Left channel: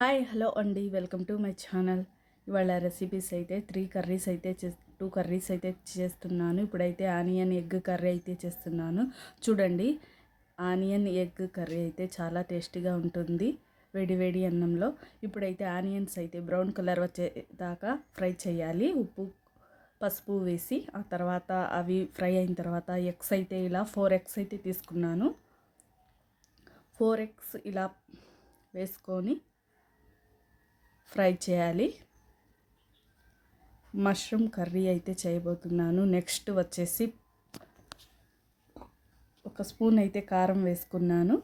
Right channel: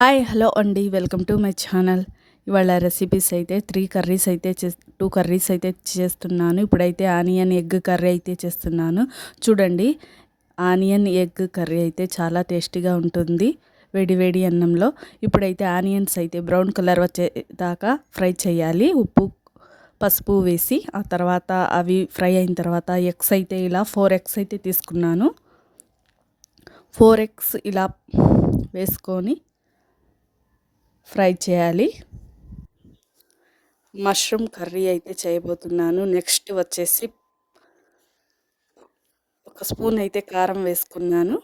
Hi hello అండి, welcome to my channel. ఇవాళ recipes అయితే 2 కర్రీస్ అయితే చేస్తున్నాను. ఇప్పుడైతే ఆనియన్ ఎగ్ కర్రీ అయితే చేస్తున్నాను. చూడండి, ఆనియన్ ఎగ్ కర్రీ అయితే చాలా టేస్టీగా ఉంటుంది వేడి వేడి అన్నంలో. ఇప్పుడైతే ఆనియన్స్ అయితే బ్రౌన్ కలర్ వచ్చేదాకా ఫ్రై చేయాలి, ఉప్పు పసుపు వేసి. ఆ తర్వాత అవి ఫ్రై అయిన తర్వాత ఎగ్స్ అయితే ఇలా 4 ఎగ్స్ అయితే తీసుకున్నాను. 4 ఎగ్స్ ఇలా వేసుకొని ఫ్రై చేయాలి. మష్రూమ్ కర్రీ అయితే చేయబోతున్నాను. నెక్స్ట్ వచ్చేసి ఒక స్పూన్ అయితే కారం వేసుకున్నాను.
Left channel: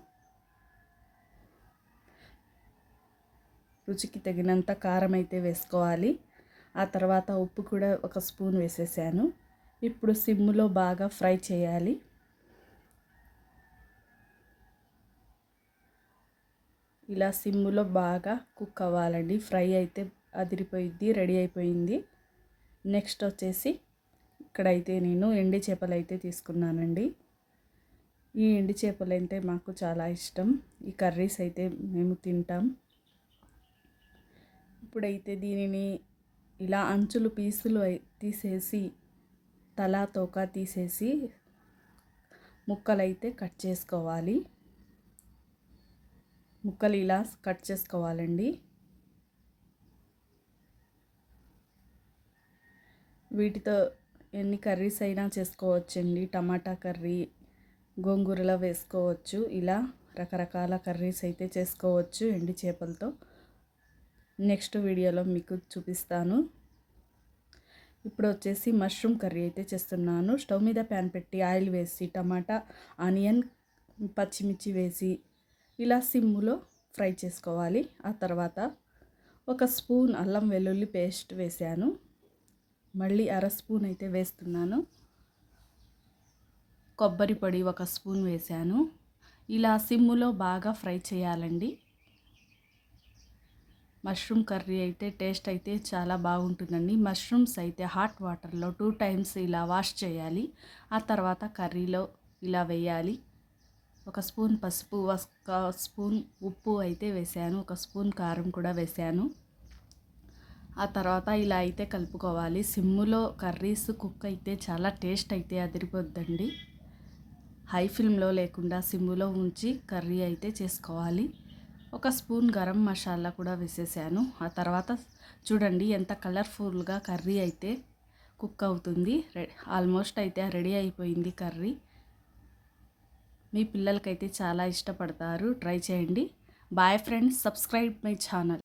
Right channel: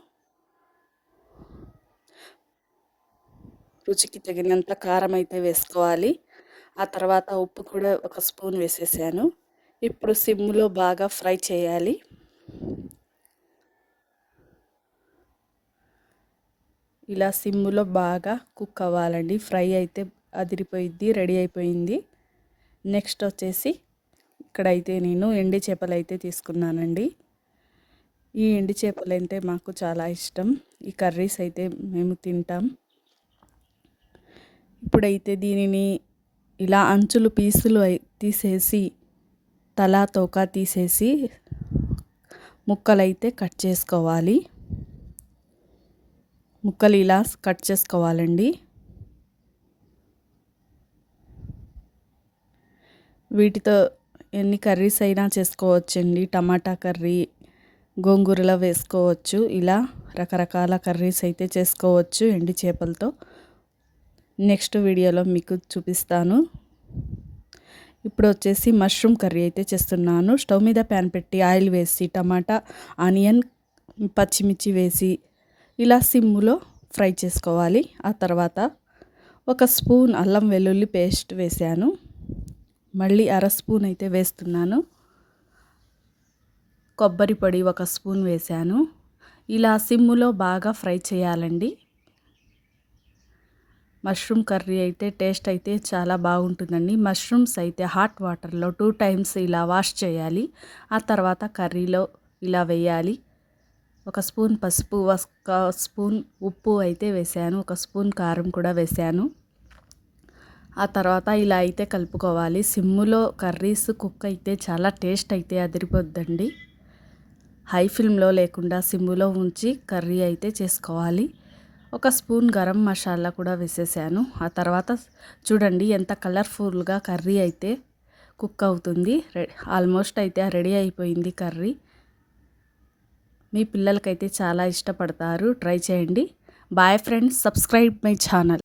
రుచికి తగినంత కారం అయితే వేసుకోవాలి. ఆ తర్వాత ఉప్పు కూడా ఒక స్పూన్ వేసేసాను. ఇప్పుడు సిమ్లో బాగా ఫ్రై చేయాలి. ఇలా సిమ్లో బాగా కుక్ అవ్వాలండి. ఫ్రై అయితే అదిరిపోయింది, రెడీ అయిపోయింది. నెక్స్ట్ వచ్చేసి ఇక్కడైతే నేను ఎండి చేపలు అయితే తీసుకున్నానండి. ఈ ఎండి చేపలు అంటే మాకు చాలా ఇష్టం. ఈ కర్రీస్ అయితే మేము తింటాం. ఇప్పుడైతే దీనిని ఇలా అంచులు పీసులు తీసేసి తల తోక తీసేసి ముక్కలైతే కట్ చేసుకోవాలి. ముక్కలు ఇలా కట్ చేసుకోవాలండి. వీటితో ఎన్ని కర్రీస్ అయినా చేసుకోవచ్చండి. టమాటా కర్రీ, గోంగూరలో వేసుకోవచ్చు. ఇలా రకరకాల కర్రీస్ అయితే చేసుకోవచ్చు ఎండి చేపలతో. నెక్స్ట్ వీడియోలో మీకు చూపిస్తాను. ఇప్పుడు వచ్చేసి మష్రూమ్ కర్రీ అయితే చేస్తున్నాను. స్టవ్ మీద ప్యాన్ పెట్టి ఆయిల్ వేసి టమాటా, ఆనియన్, పచ్చిమిర్చి వేసి ఇలా సిమ్లో ఫ్రై చేసుకోవాలి. ఆ తర్వాత ఒక స్పూన్ అల్లం వెల్లుల్లి పేస్ట్ వేసాను. మళ్ళీ అర స్పూన్ అయితే వేస్తున్నాను. కొబ్బరి పొడి ఒక స్పూన్ వేసాను. ఇలా సిమ్లో బాగా ఫ్రై చేయాలండి. మష్రూమ్ కర్రీ అయితే టేస్ట్ అయితే చాలా బాగుంటుందండి. మష్రూమ్స్ అయితే హాట్ వాటర్లో 2 టైమ్స్ ఇలా వాష్ చేయాలి. ఆ తర్వాత కర్రీలో ఇలా వేయాలి. ఒక స్పూన్ పసుపు, ఒక స్పూన్ ఉప్పు అయితే వేసాను. ఒక స్పూన్ కారం కూడా వేసాను. ఆ తర్వాత ఇలా అయితే కలుపుకోవాలి. సిమ్ములో కర్రీస్ కుక్ అయితే చాలా టేస్ట్ అయితే అదిరిపోద్దండి. హై ఫ్లేమ్లో లేకుండా సిమ్ములో ఉంచి కర్రీ అయితే చేసుకోవాలి. ఒక స్పూన్ గరం మసాలా కూడా వేసేసాను. ఆ తర్వాత చూడండి ఎంత కలర్ఫుల్గా కర్రీ అయితే కుక్ అవుతుంది. ఆల్మోస్ట్ అయితే రెడీ అయిపోయింది కర్రీ. మీ పిల్లలకైతే చాలా ఇష్టపడతారు. ట్రై చేయండి. Bye friends, subscribe my channel.